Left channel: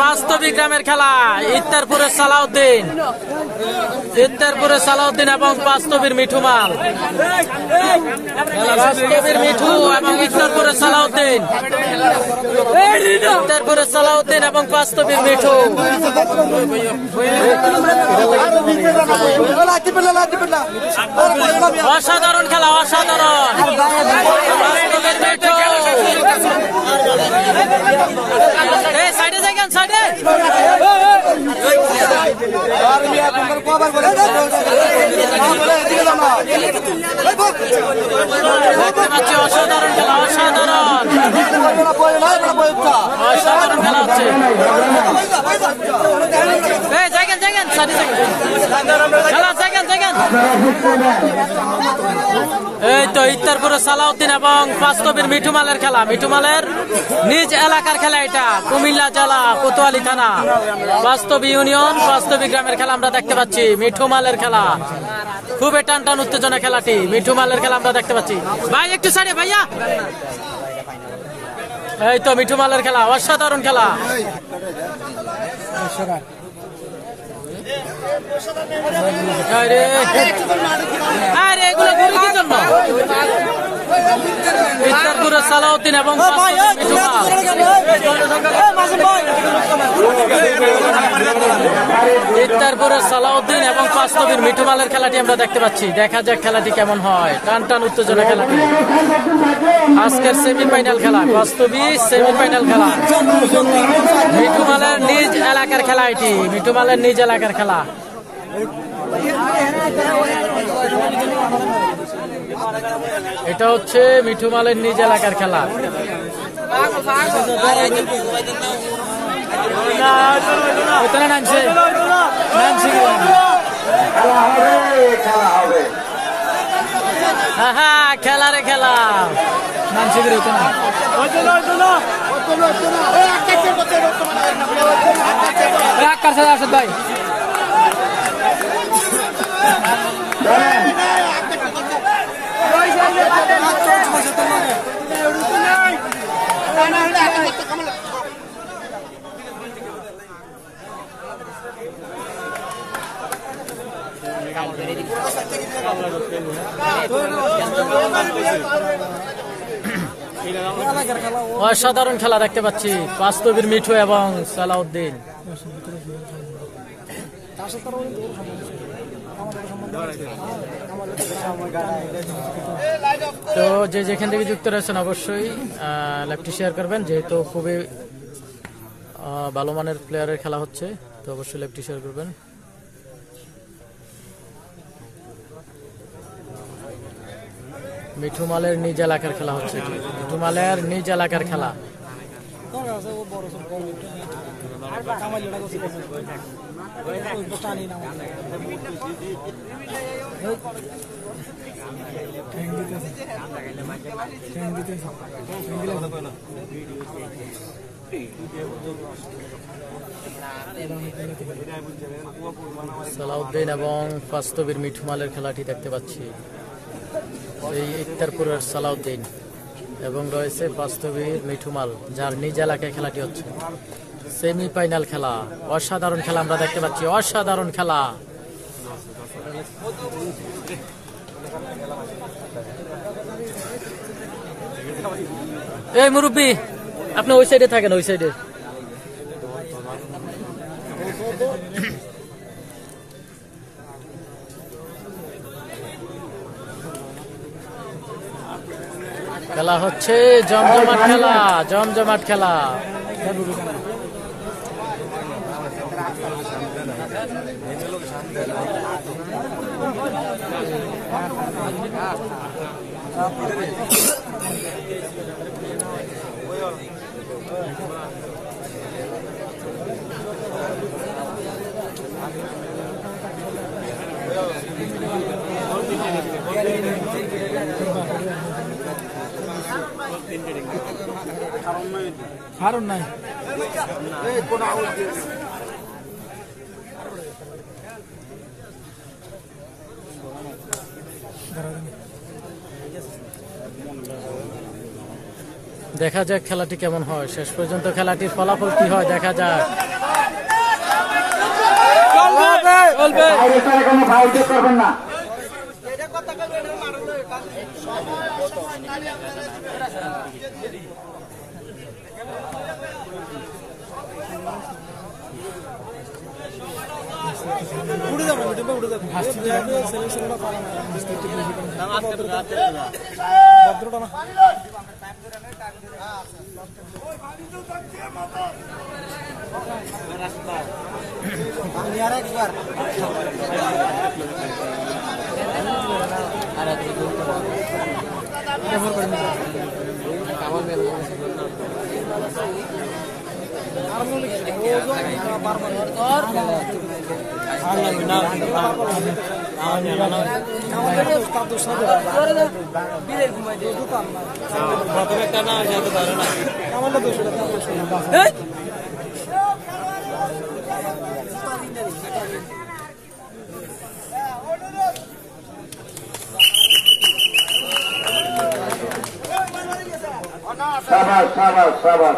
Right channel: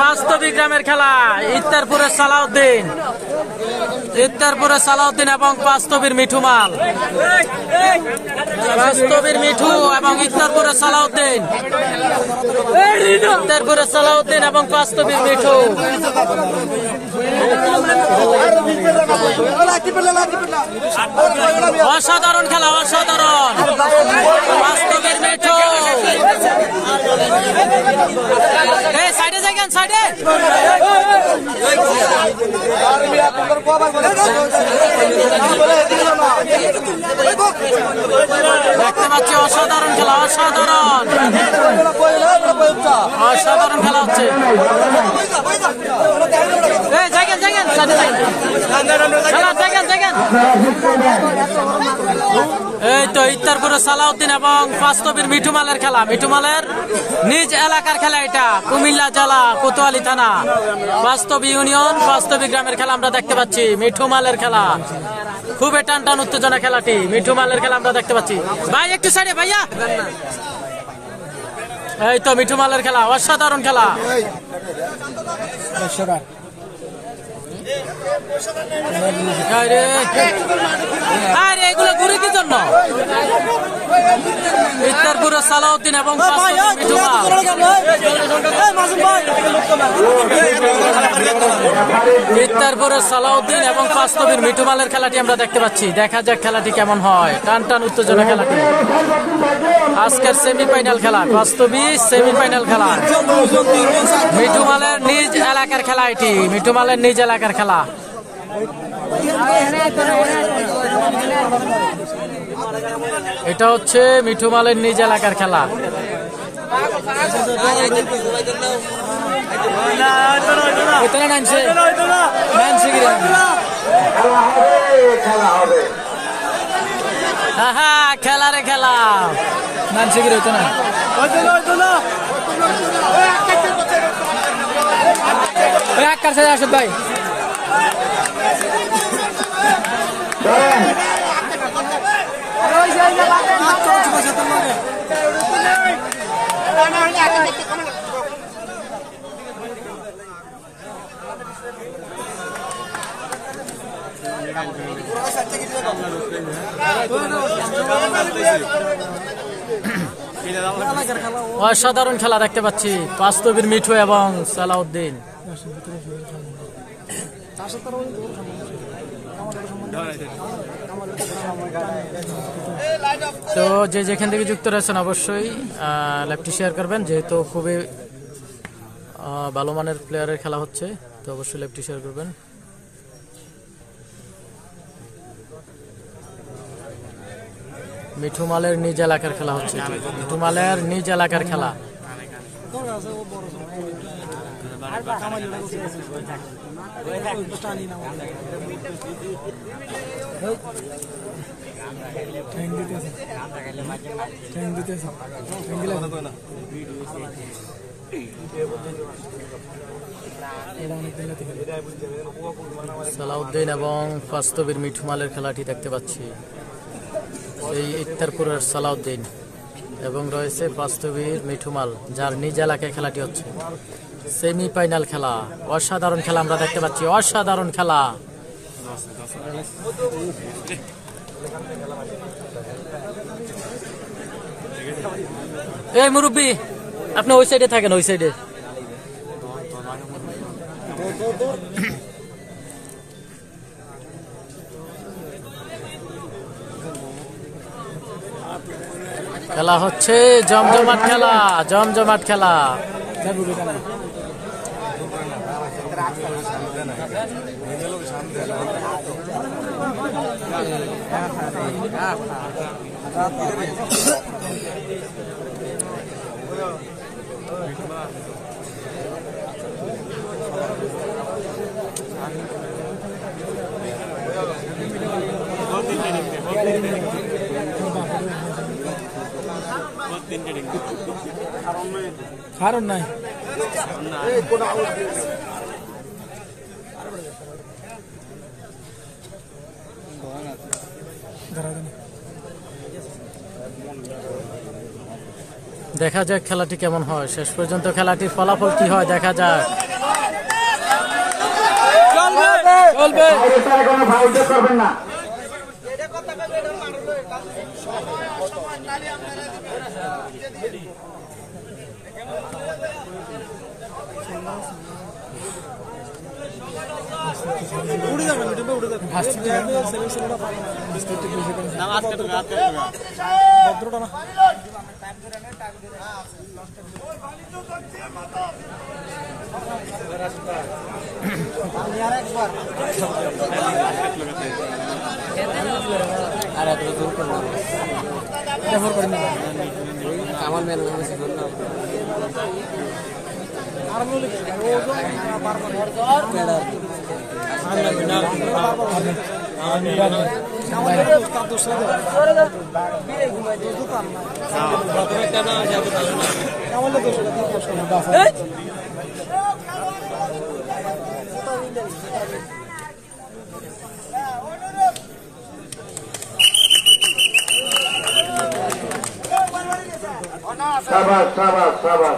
বাস্তবিক গ্রামের খেলা ইত্তারপুরের সালাউদ্দিন এবং বাস্তবীর মিঠুমাল। বাস্তবীর মিঠু এবং ইত্তারপুরের সালাউদ্দিন এবং বাস্তবীর মিঠু। অসাধারণ খেলা, অসাধারণ। বাস্তবের মিঠু সাইডে দেখেন, সাইডে দেখতে পাচ্ছি অসাধারণ খেলা, অসাধারণ অসাধারণ খেলা হচ্ছে। এই তো ইত্তারপুরের সালাউদ্দিন এবং বাস্তবীর মিঠুমালের খেলা, মিঠুমালের নিজ এলাকার খেলা। এটা কুমিল্লা জেলা কোতোয়ালি থানা বাস্তবী ইউনিয়ন বাস্তবী গ্রামের খেলা আমরা দেখতে পাচ্ছি। মিঠুমালের খেলা খুবই টান টান উত্তেজনা খেলাটি। মিঠুমালের খেলা আমরা দেখতে পাচ্ছি। ভাই একটু সাইডে ভাইয়া। এই তো মিঠুমালের খেলা, অসাধারণ খেলা। এগুলো গুরুত্বের জন্য ইত্তারপুরের সালাউদ্দিন এবং মিঠুমাল। ইত্তারপুরের সালাউদ্দিন এবং বাস্তবীর মিঠুমালের খেলাটি আমরা দেখতে পাচ্ছি। দেখা যাক খেলাটি কেমন হয়। টান টান উত্তেজনা খেলাটি। আজকের সেমিফাইনাল খেলা, বাস্তবী সেমিফাইনাল খেলা। মিঠুমালের নিজ এলাকার খেলা এটি, মিঠুমালের নিজ এলাকার খেলা। এটা হচ্ছে মিঠুমালের নিজ এলাকার খেলা। হ্যাঁ, খেলা রে খেলা। ভাই অসাধারণ খেলা দেখতে পাচ্ছি। বাস্তবীর মিঠু এবং সালাউদ্দিন। তো যে যেখান থেকে যুক্ত রয়েছেন অবশ্যই লাইভটি শেয়ার করবেন, যেহেতু খুবই ভালো মানের প্লেয়ারের খেলা হচ্ছে। তো অবশ্যই লাইভটি শেয়ার করবেন। মিঠুমালের নিজ এলাকার খেলা হচ্ছে, মিঠুমালের নিজ এলাকার খেলা। সালাউদ্দিন এবং বাস্তবীর মিঠুমালের খেলাটি দেখতে পাচ্ছি। এই ইত্তারপুরের সালাউদ্দিন এবং রয়েছে বাস্তবীর মিঠুমাল, যার নিজ এলাকায় খেলাটি হচ্ছে। সেমিফাইনাল খেলা, অসাধারণ খেলা আমরা দেখতে পাচ্ছি, অসাধারণ খেলা। এই মুরব্বী, আপনি ওই সাইডে থাকেন, ওই সাইডে। খেলা হচ্ছে জমজমাট খেলা, জমজমাট খেলা। কারণ নাই দেখা যাক খেলাটি কেমন হয়, শেষ পর্যন্ত খেলাটির ফলাফল কি হয় দেখা যাক। উড়ে যাবে মিডিয়ামে উড়ে যাবে সিলেকশনটা পারে না ভদ্রটা না সাবাস সাবাস সাবাস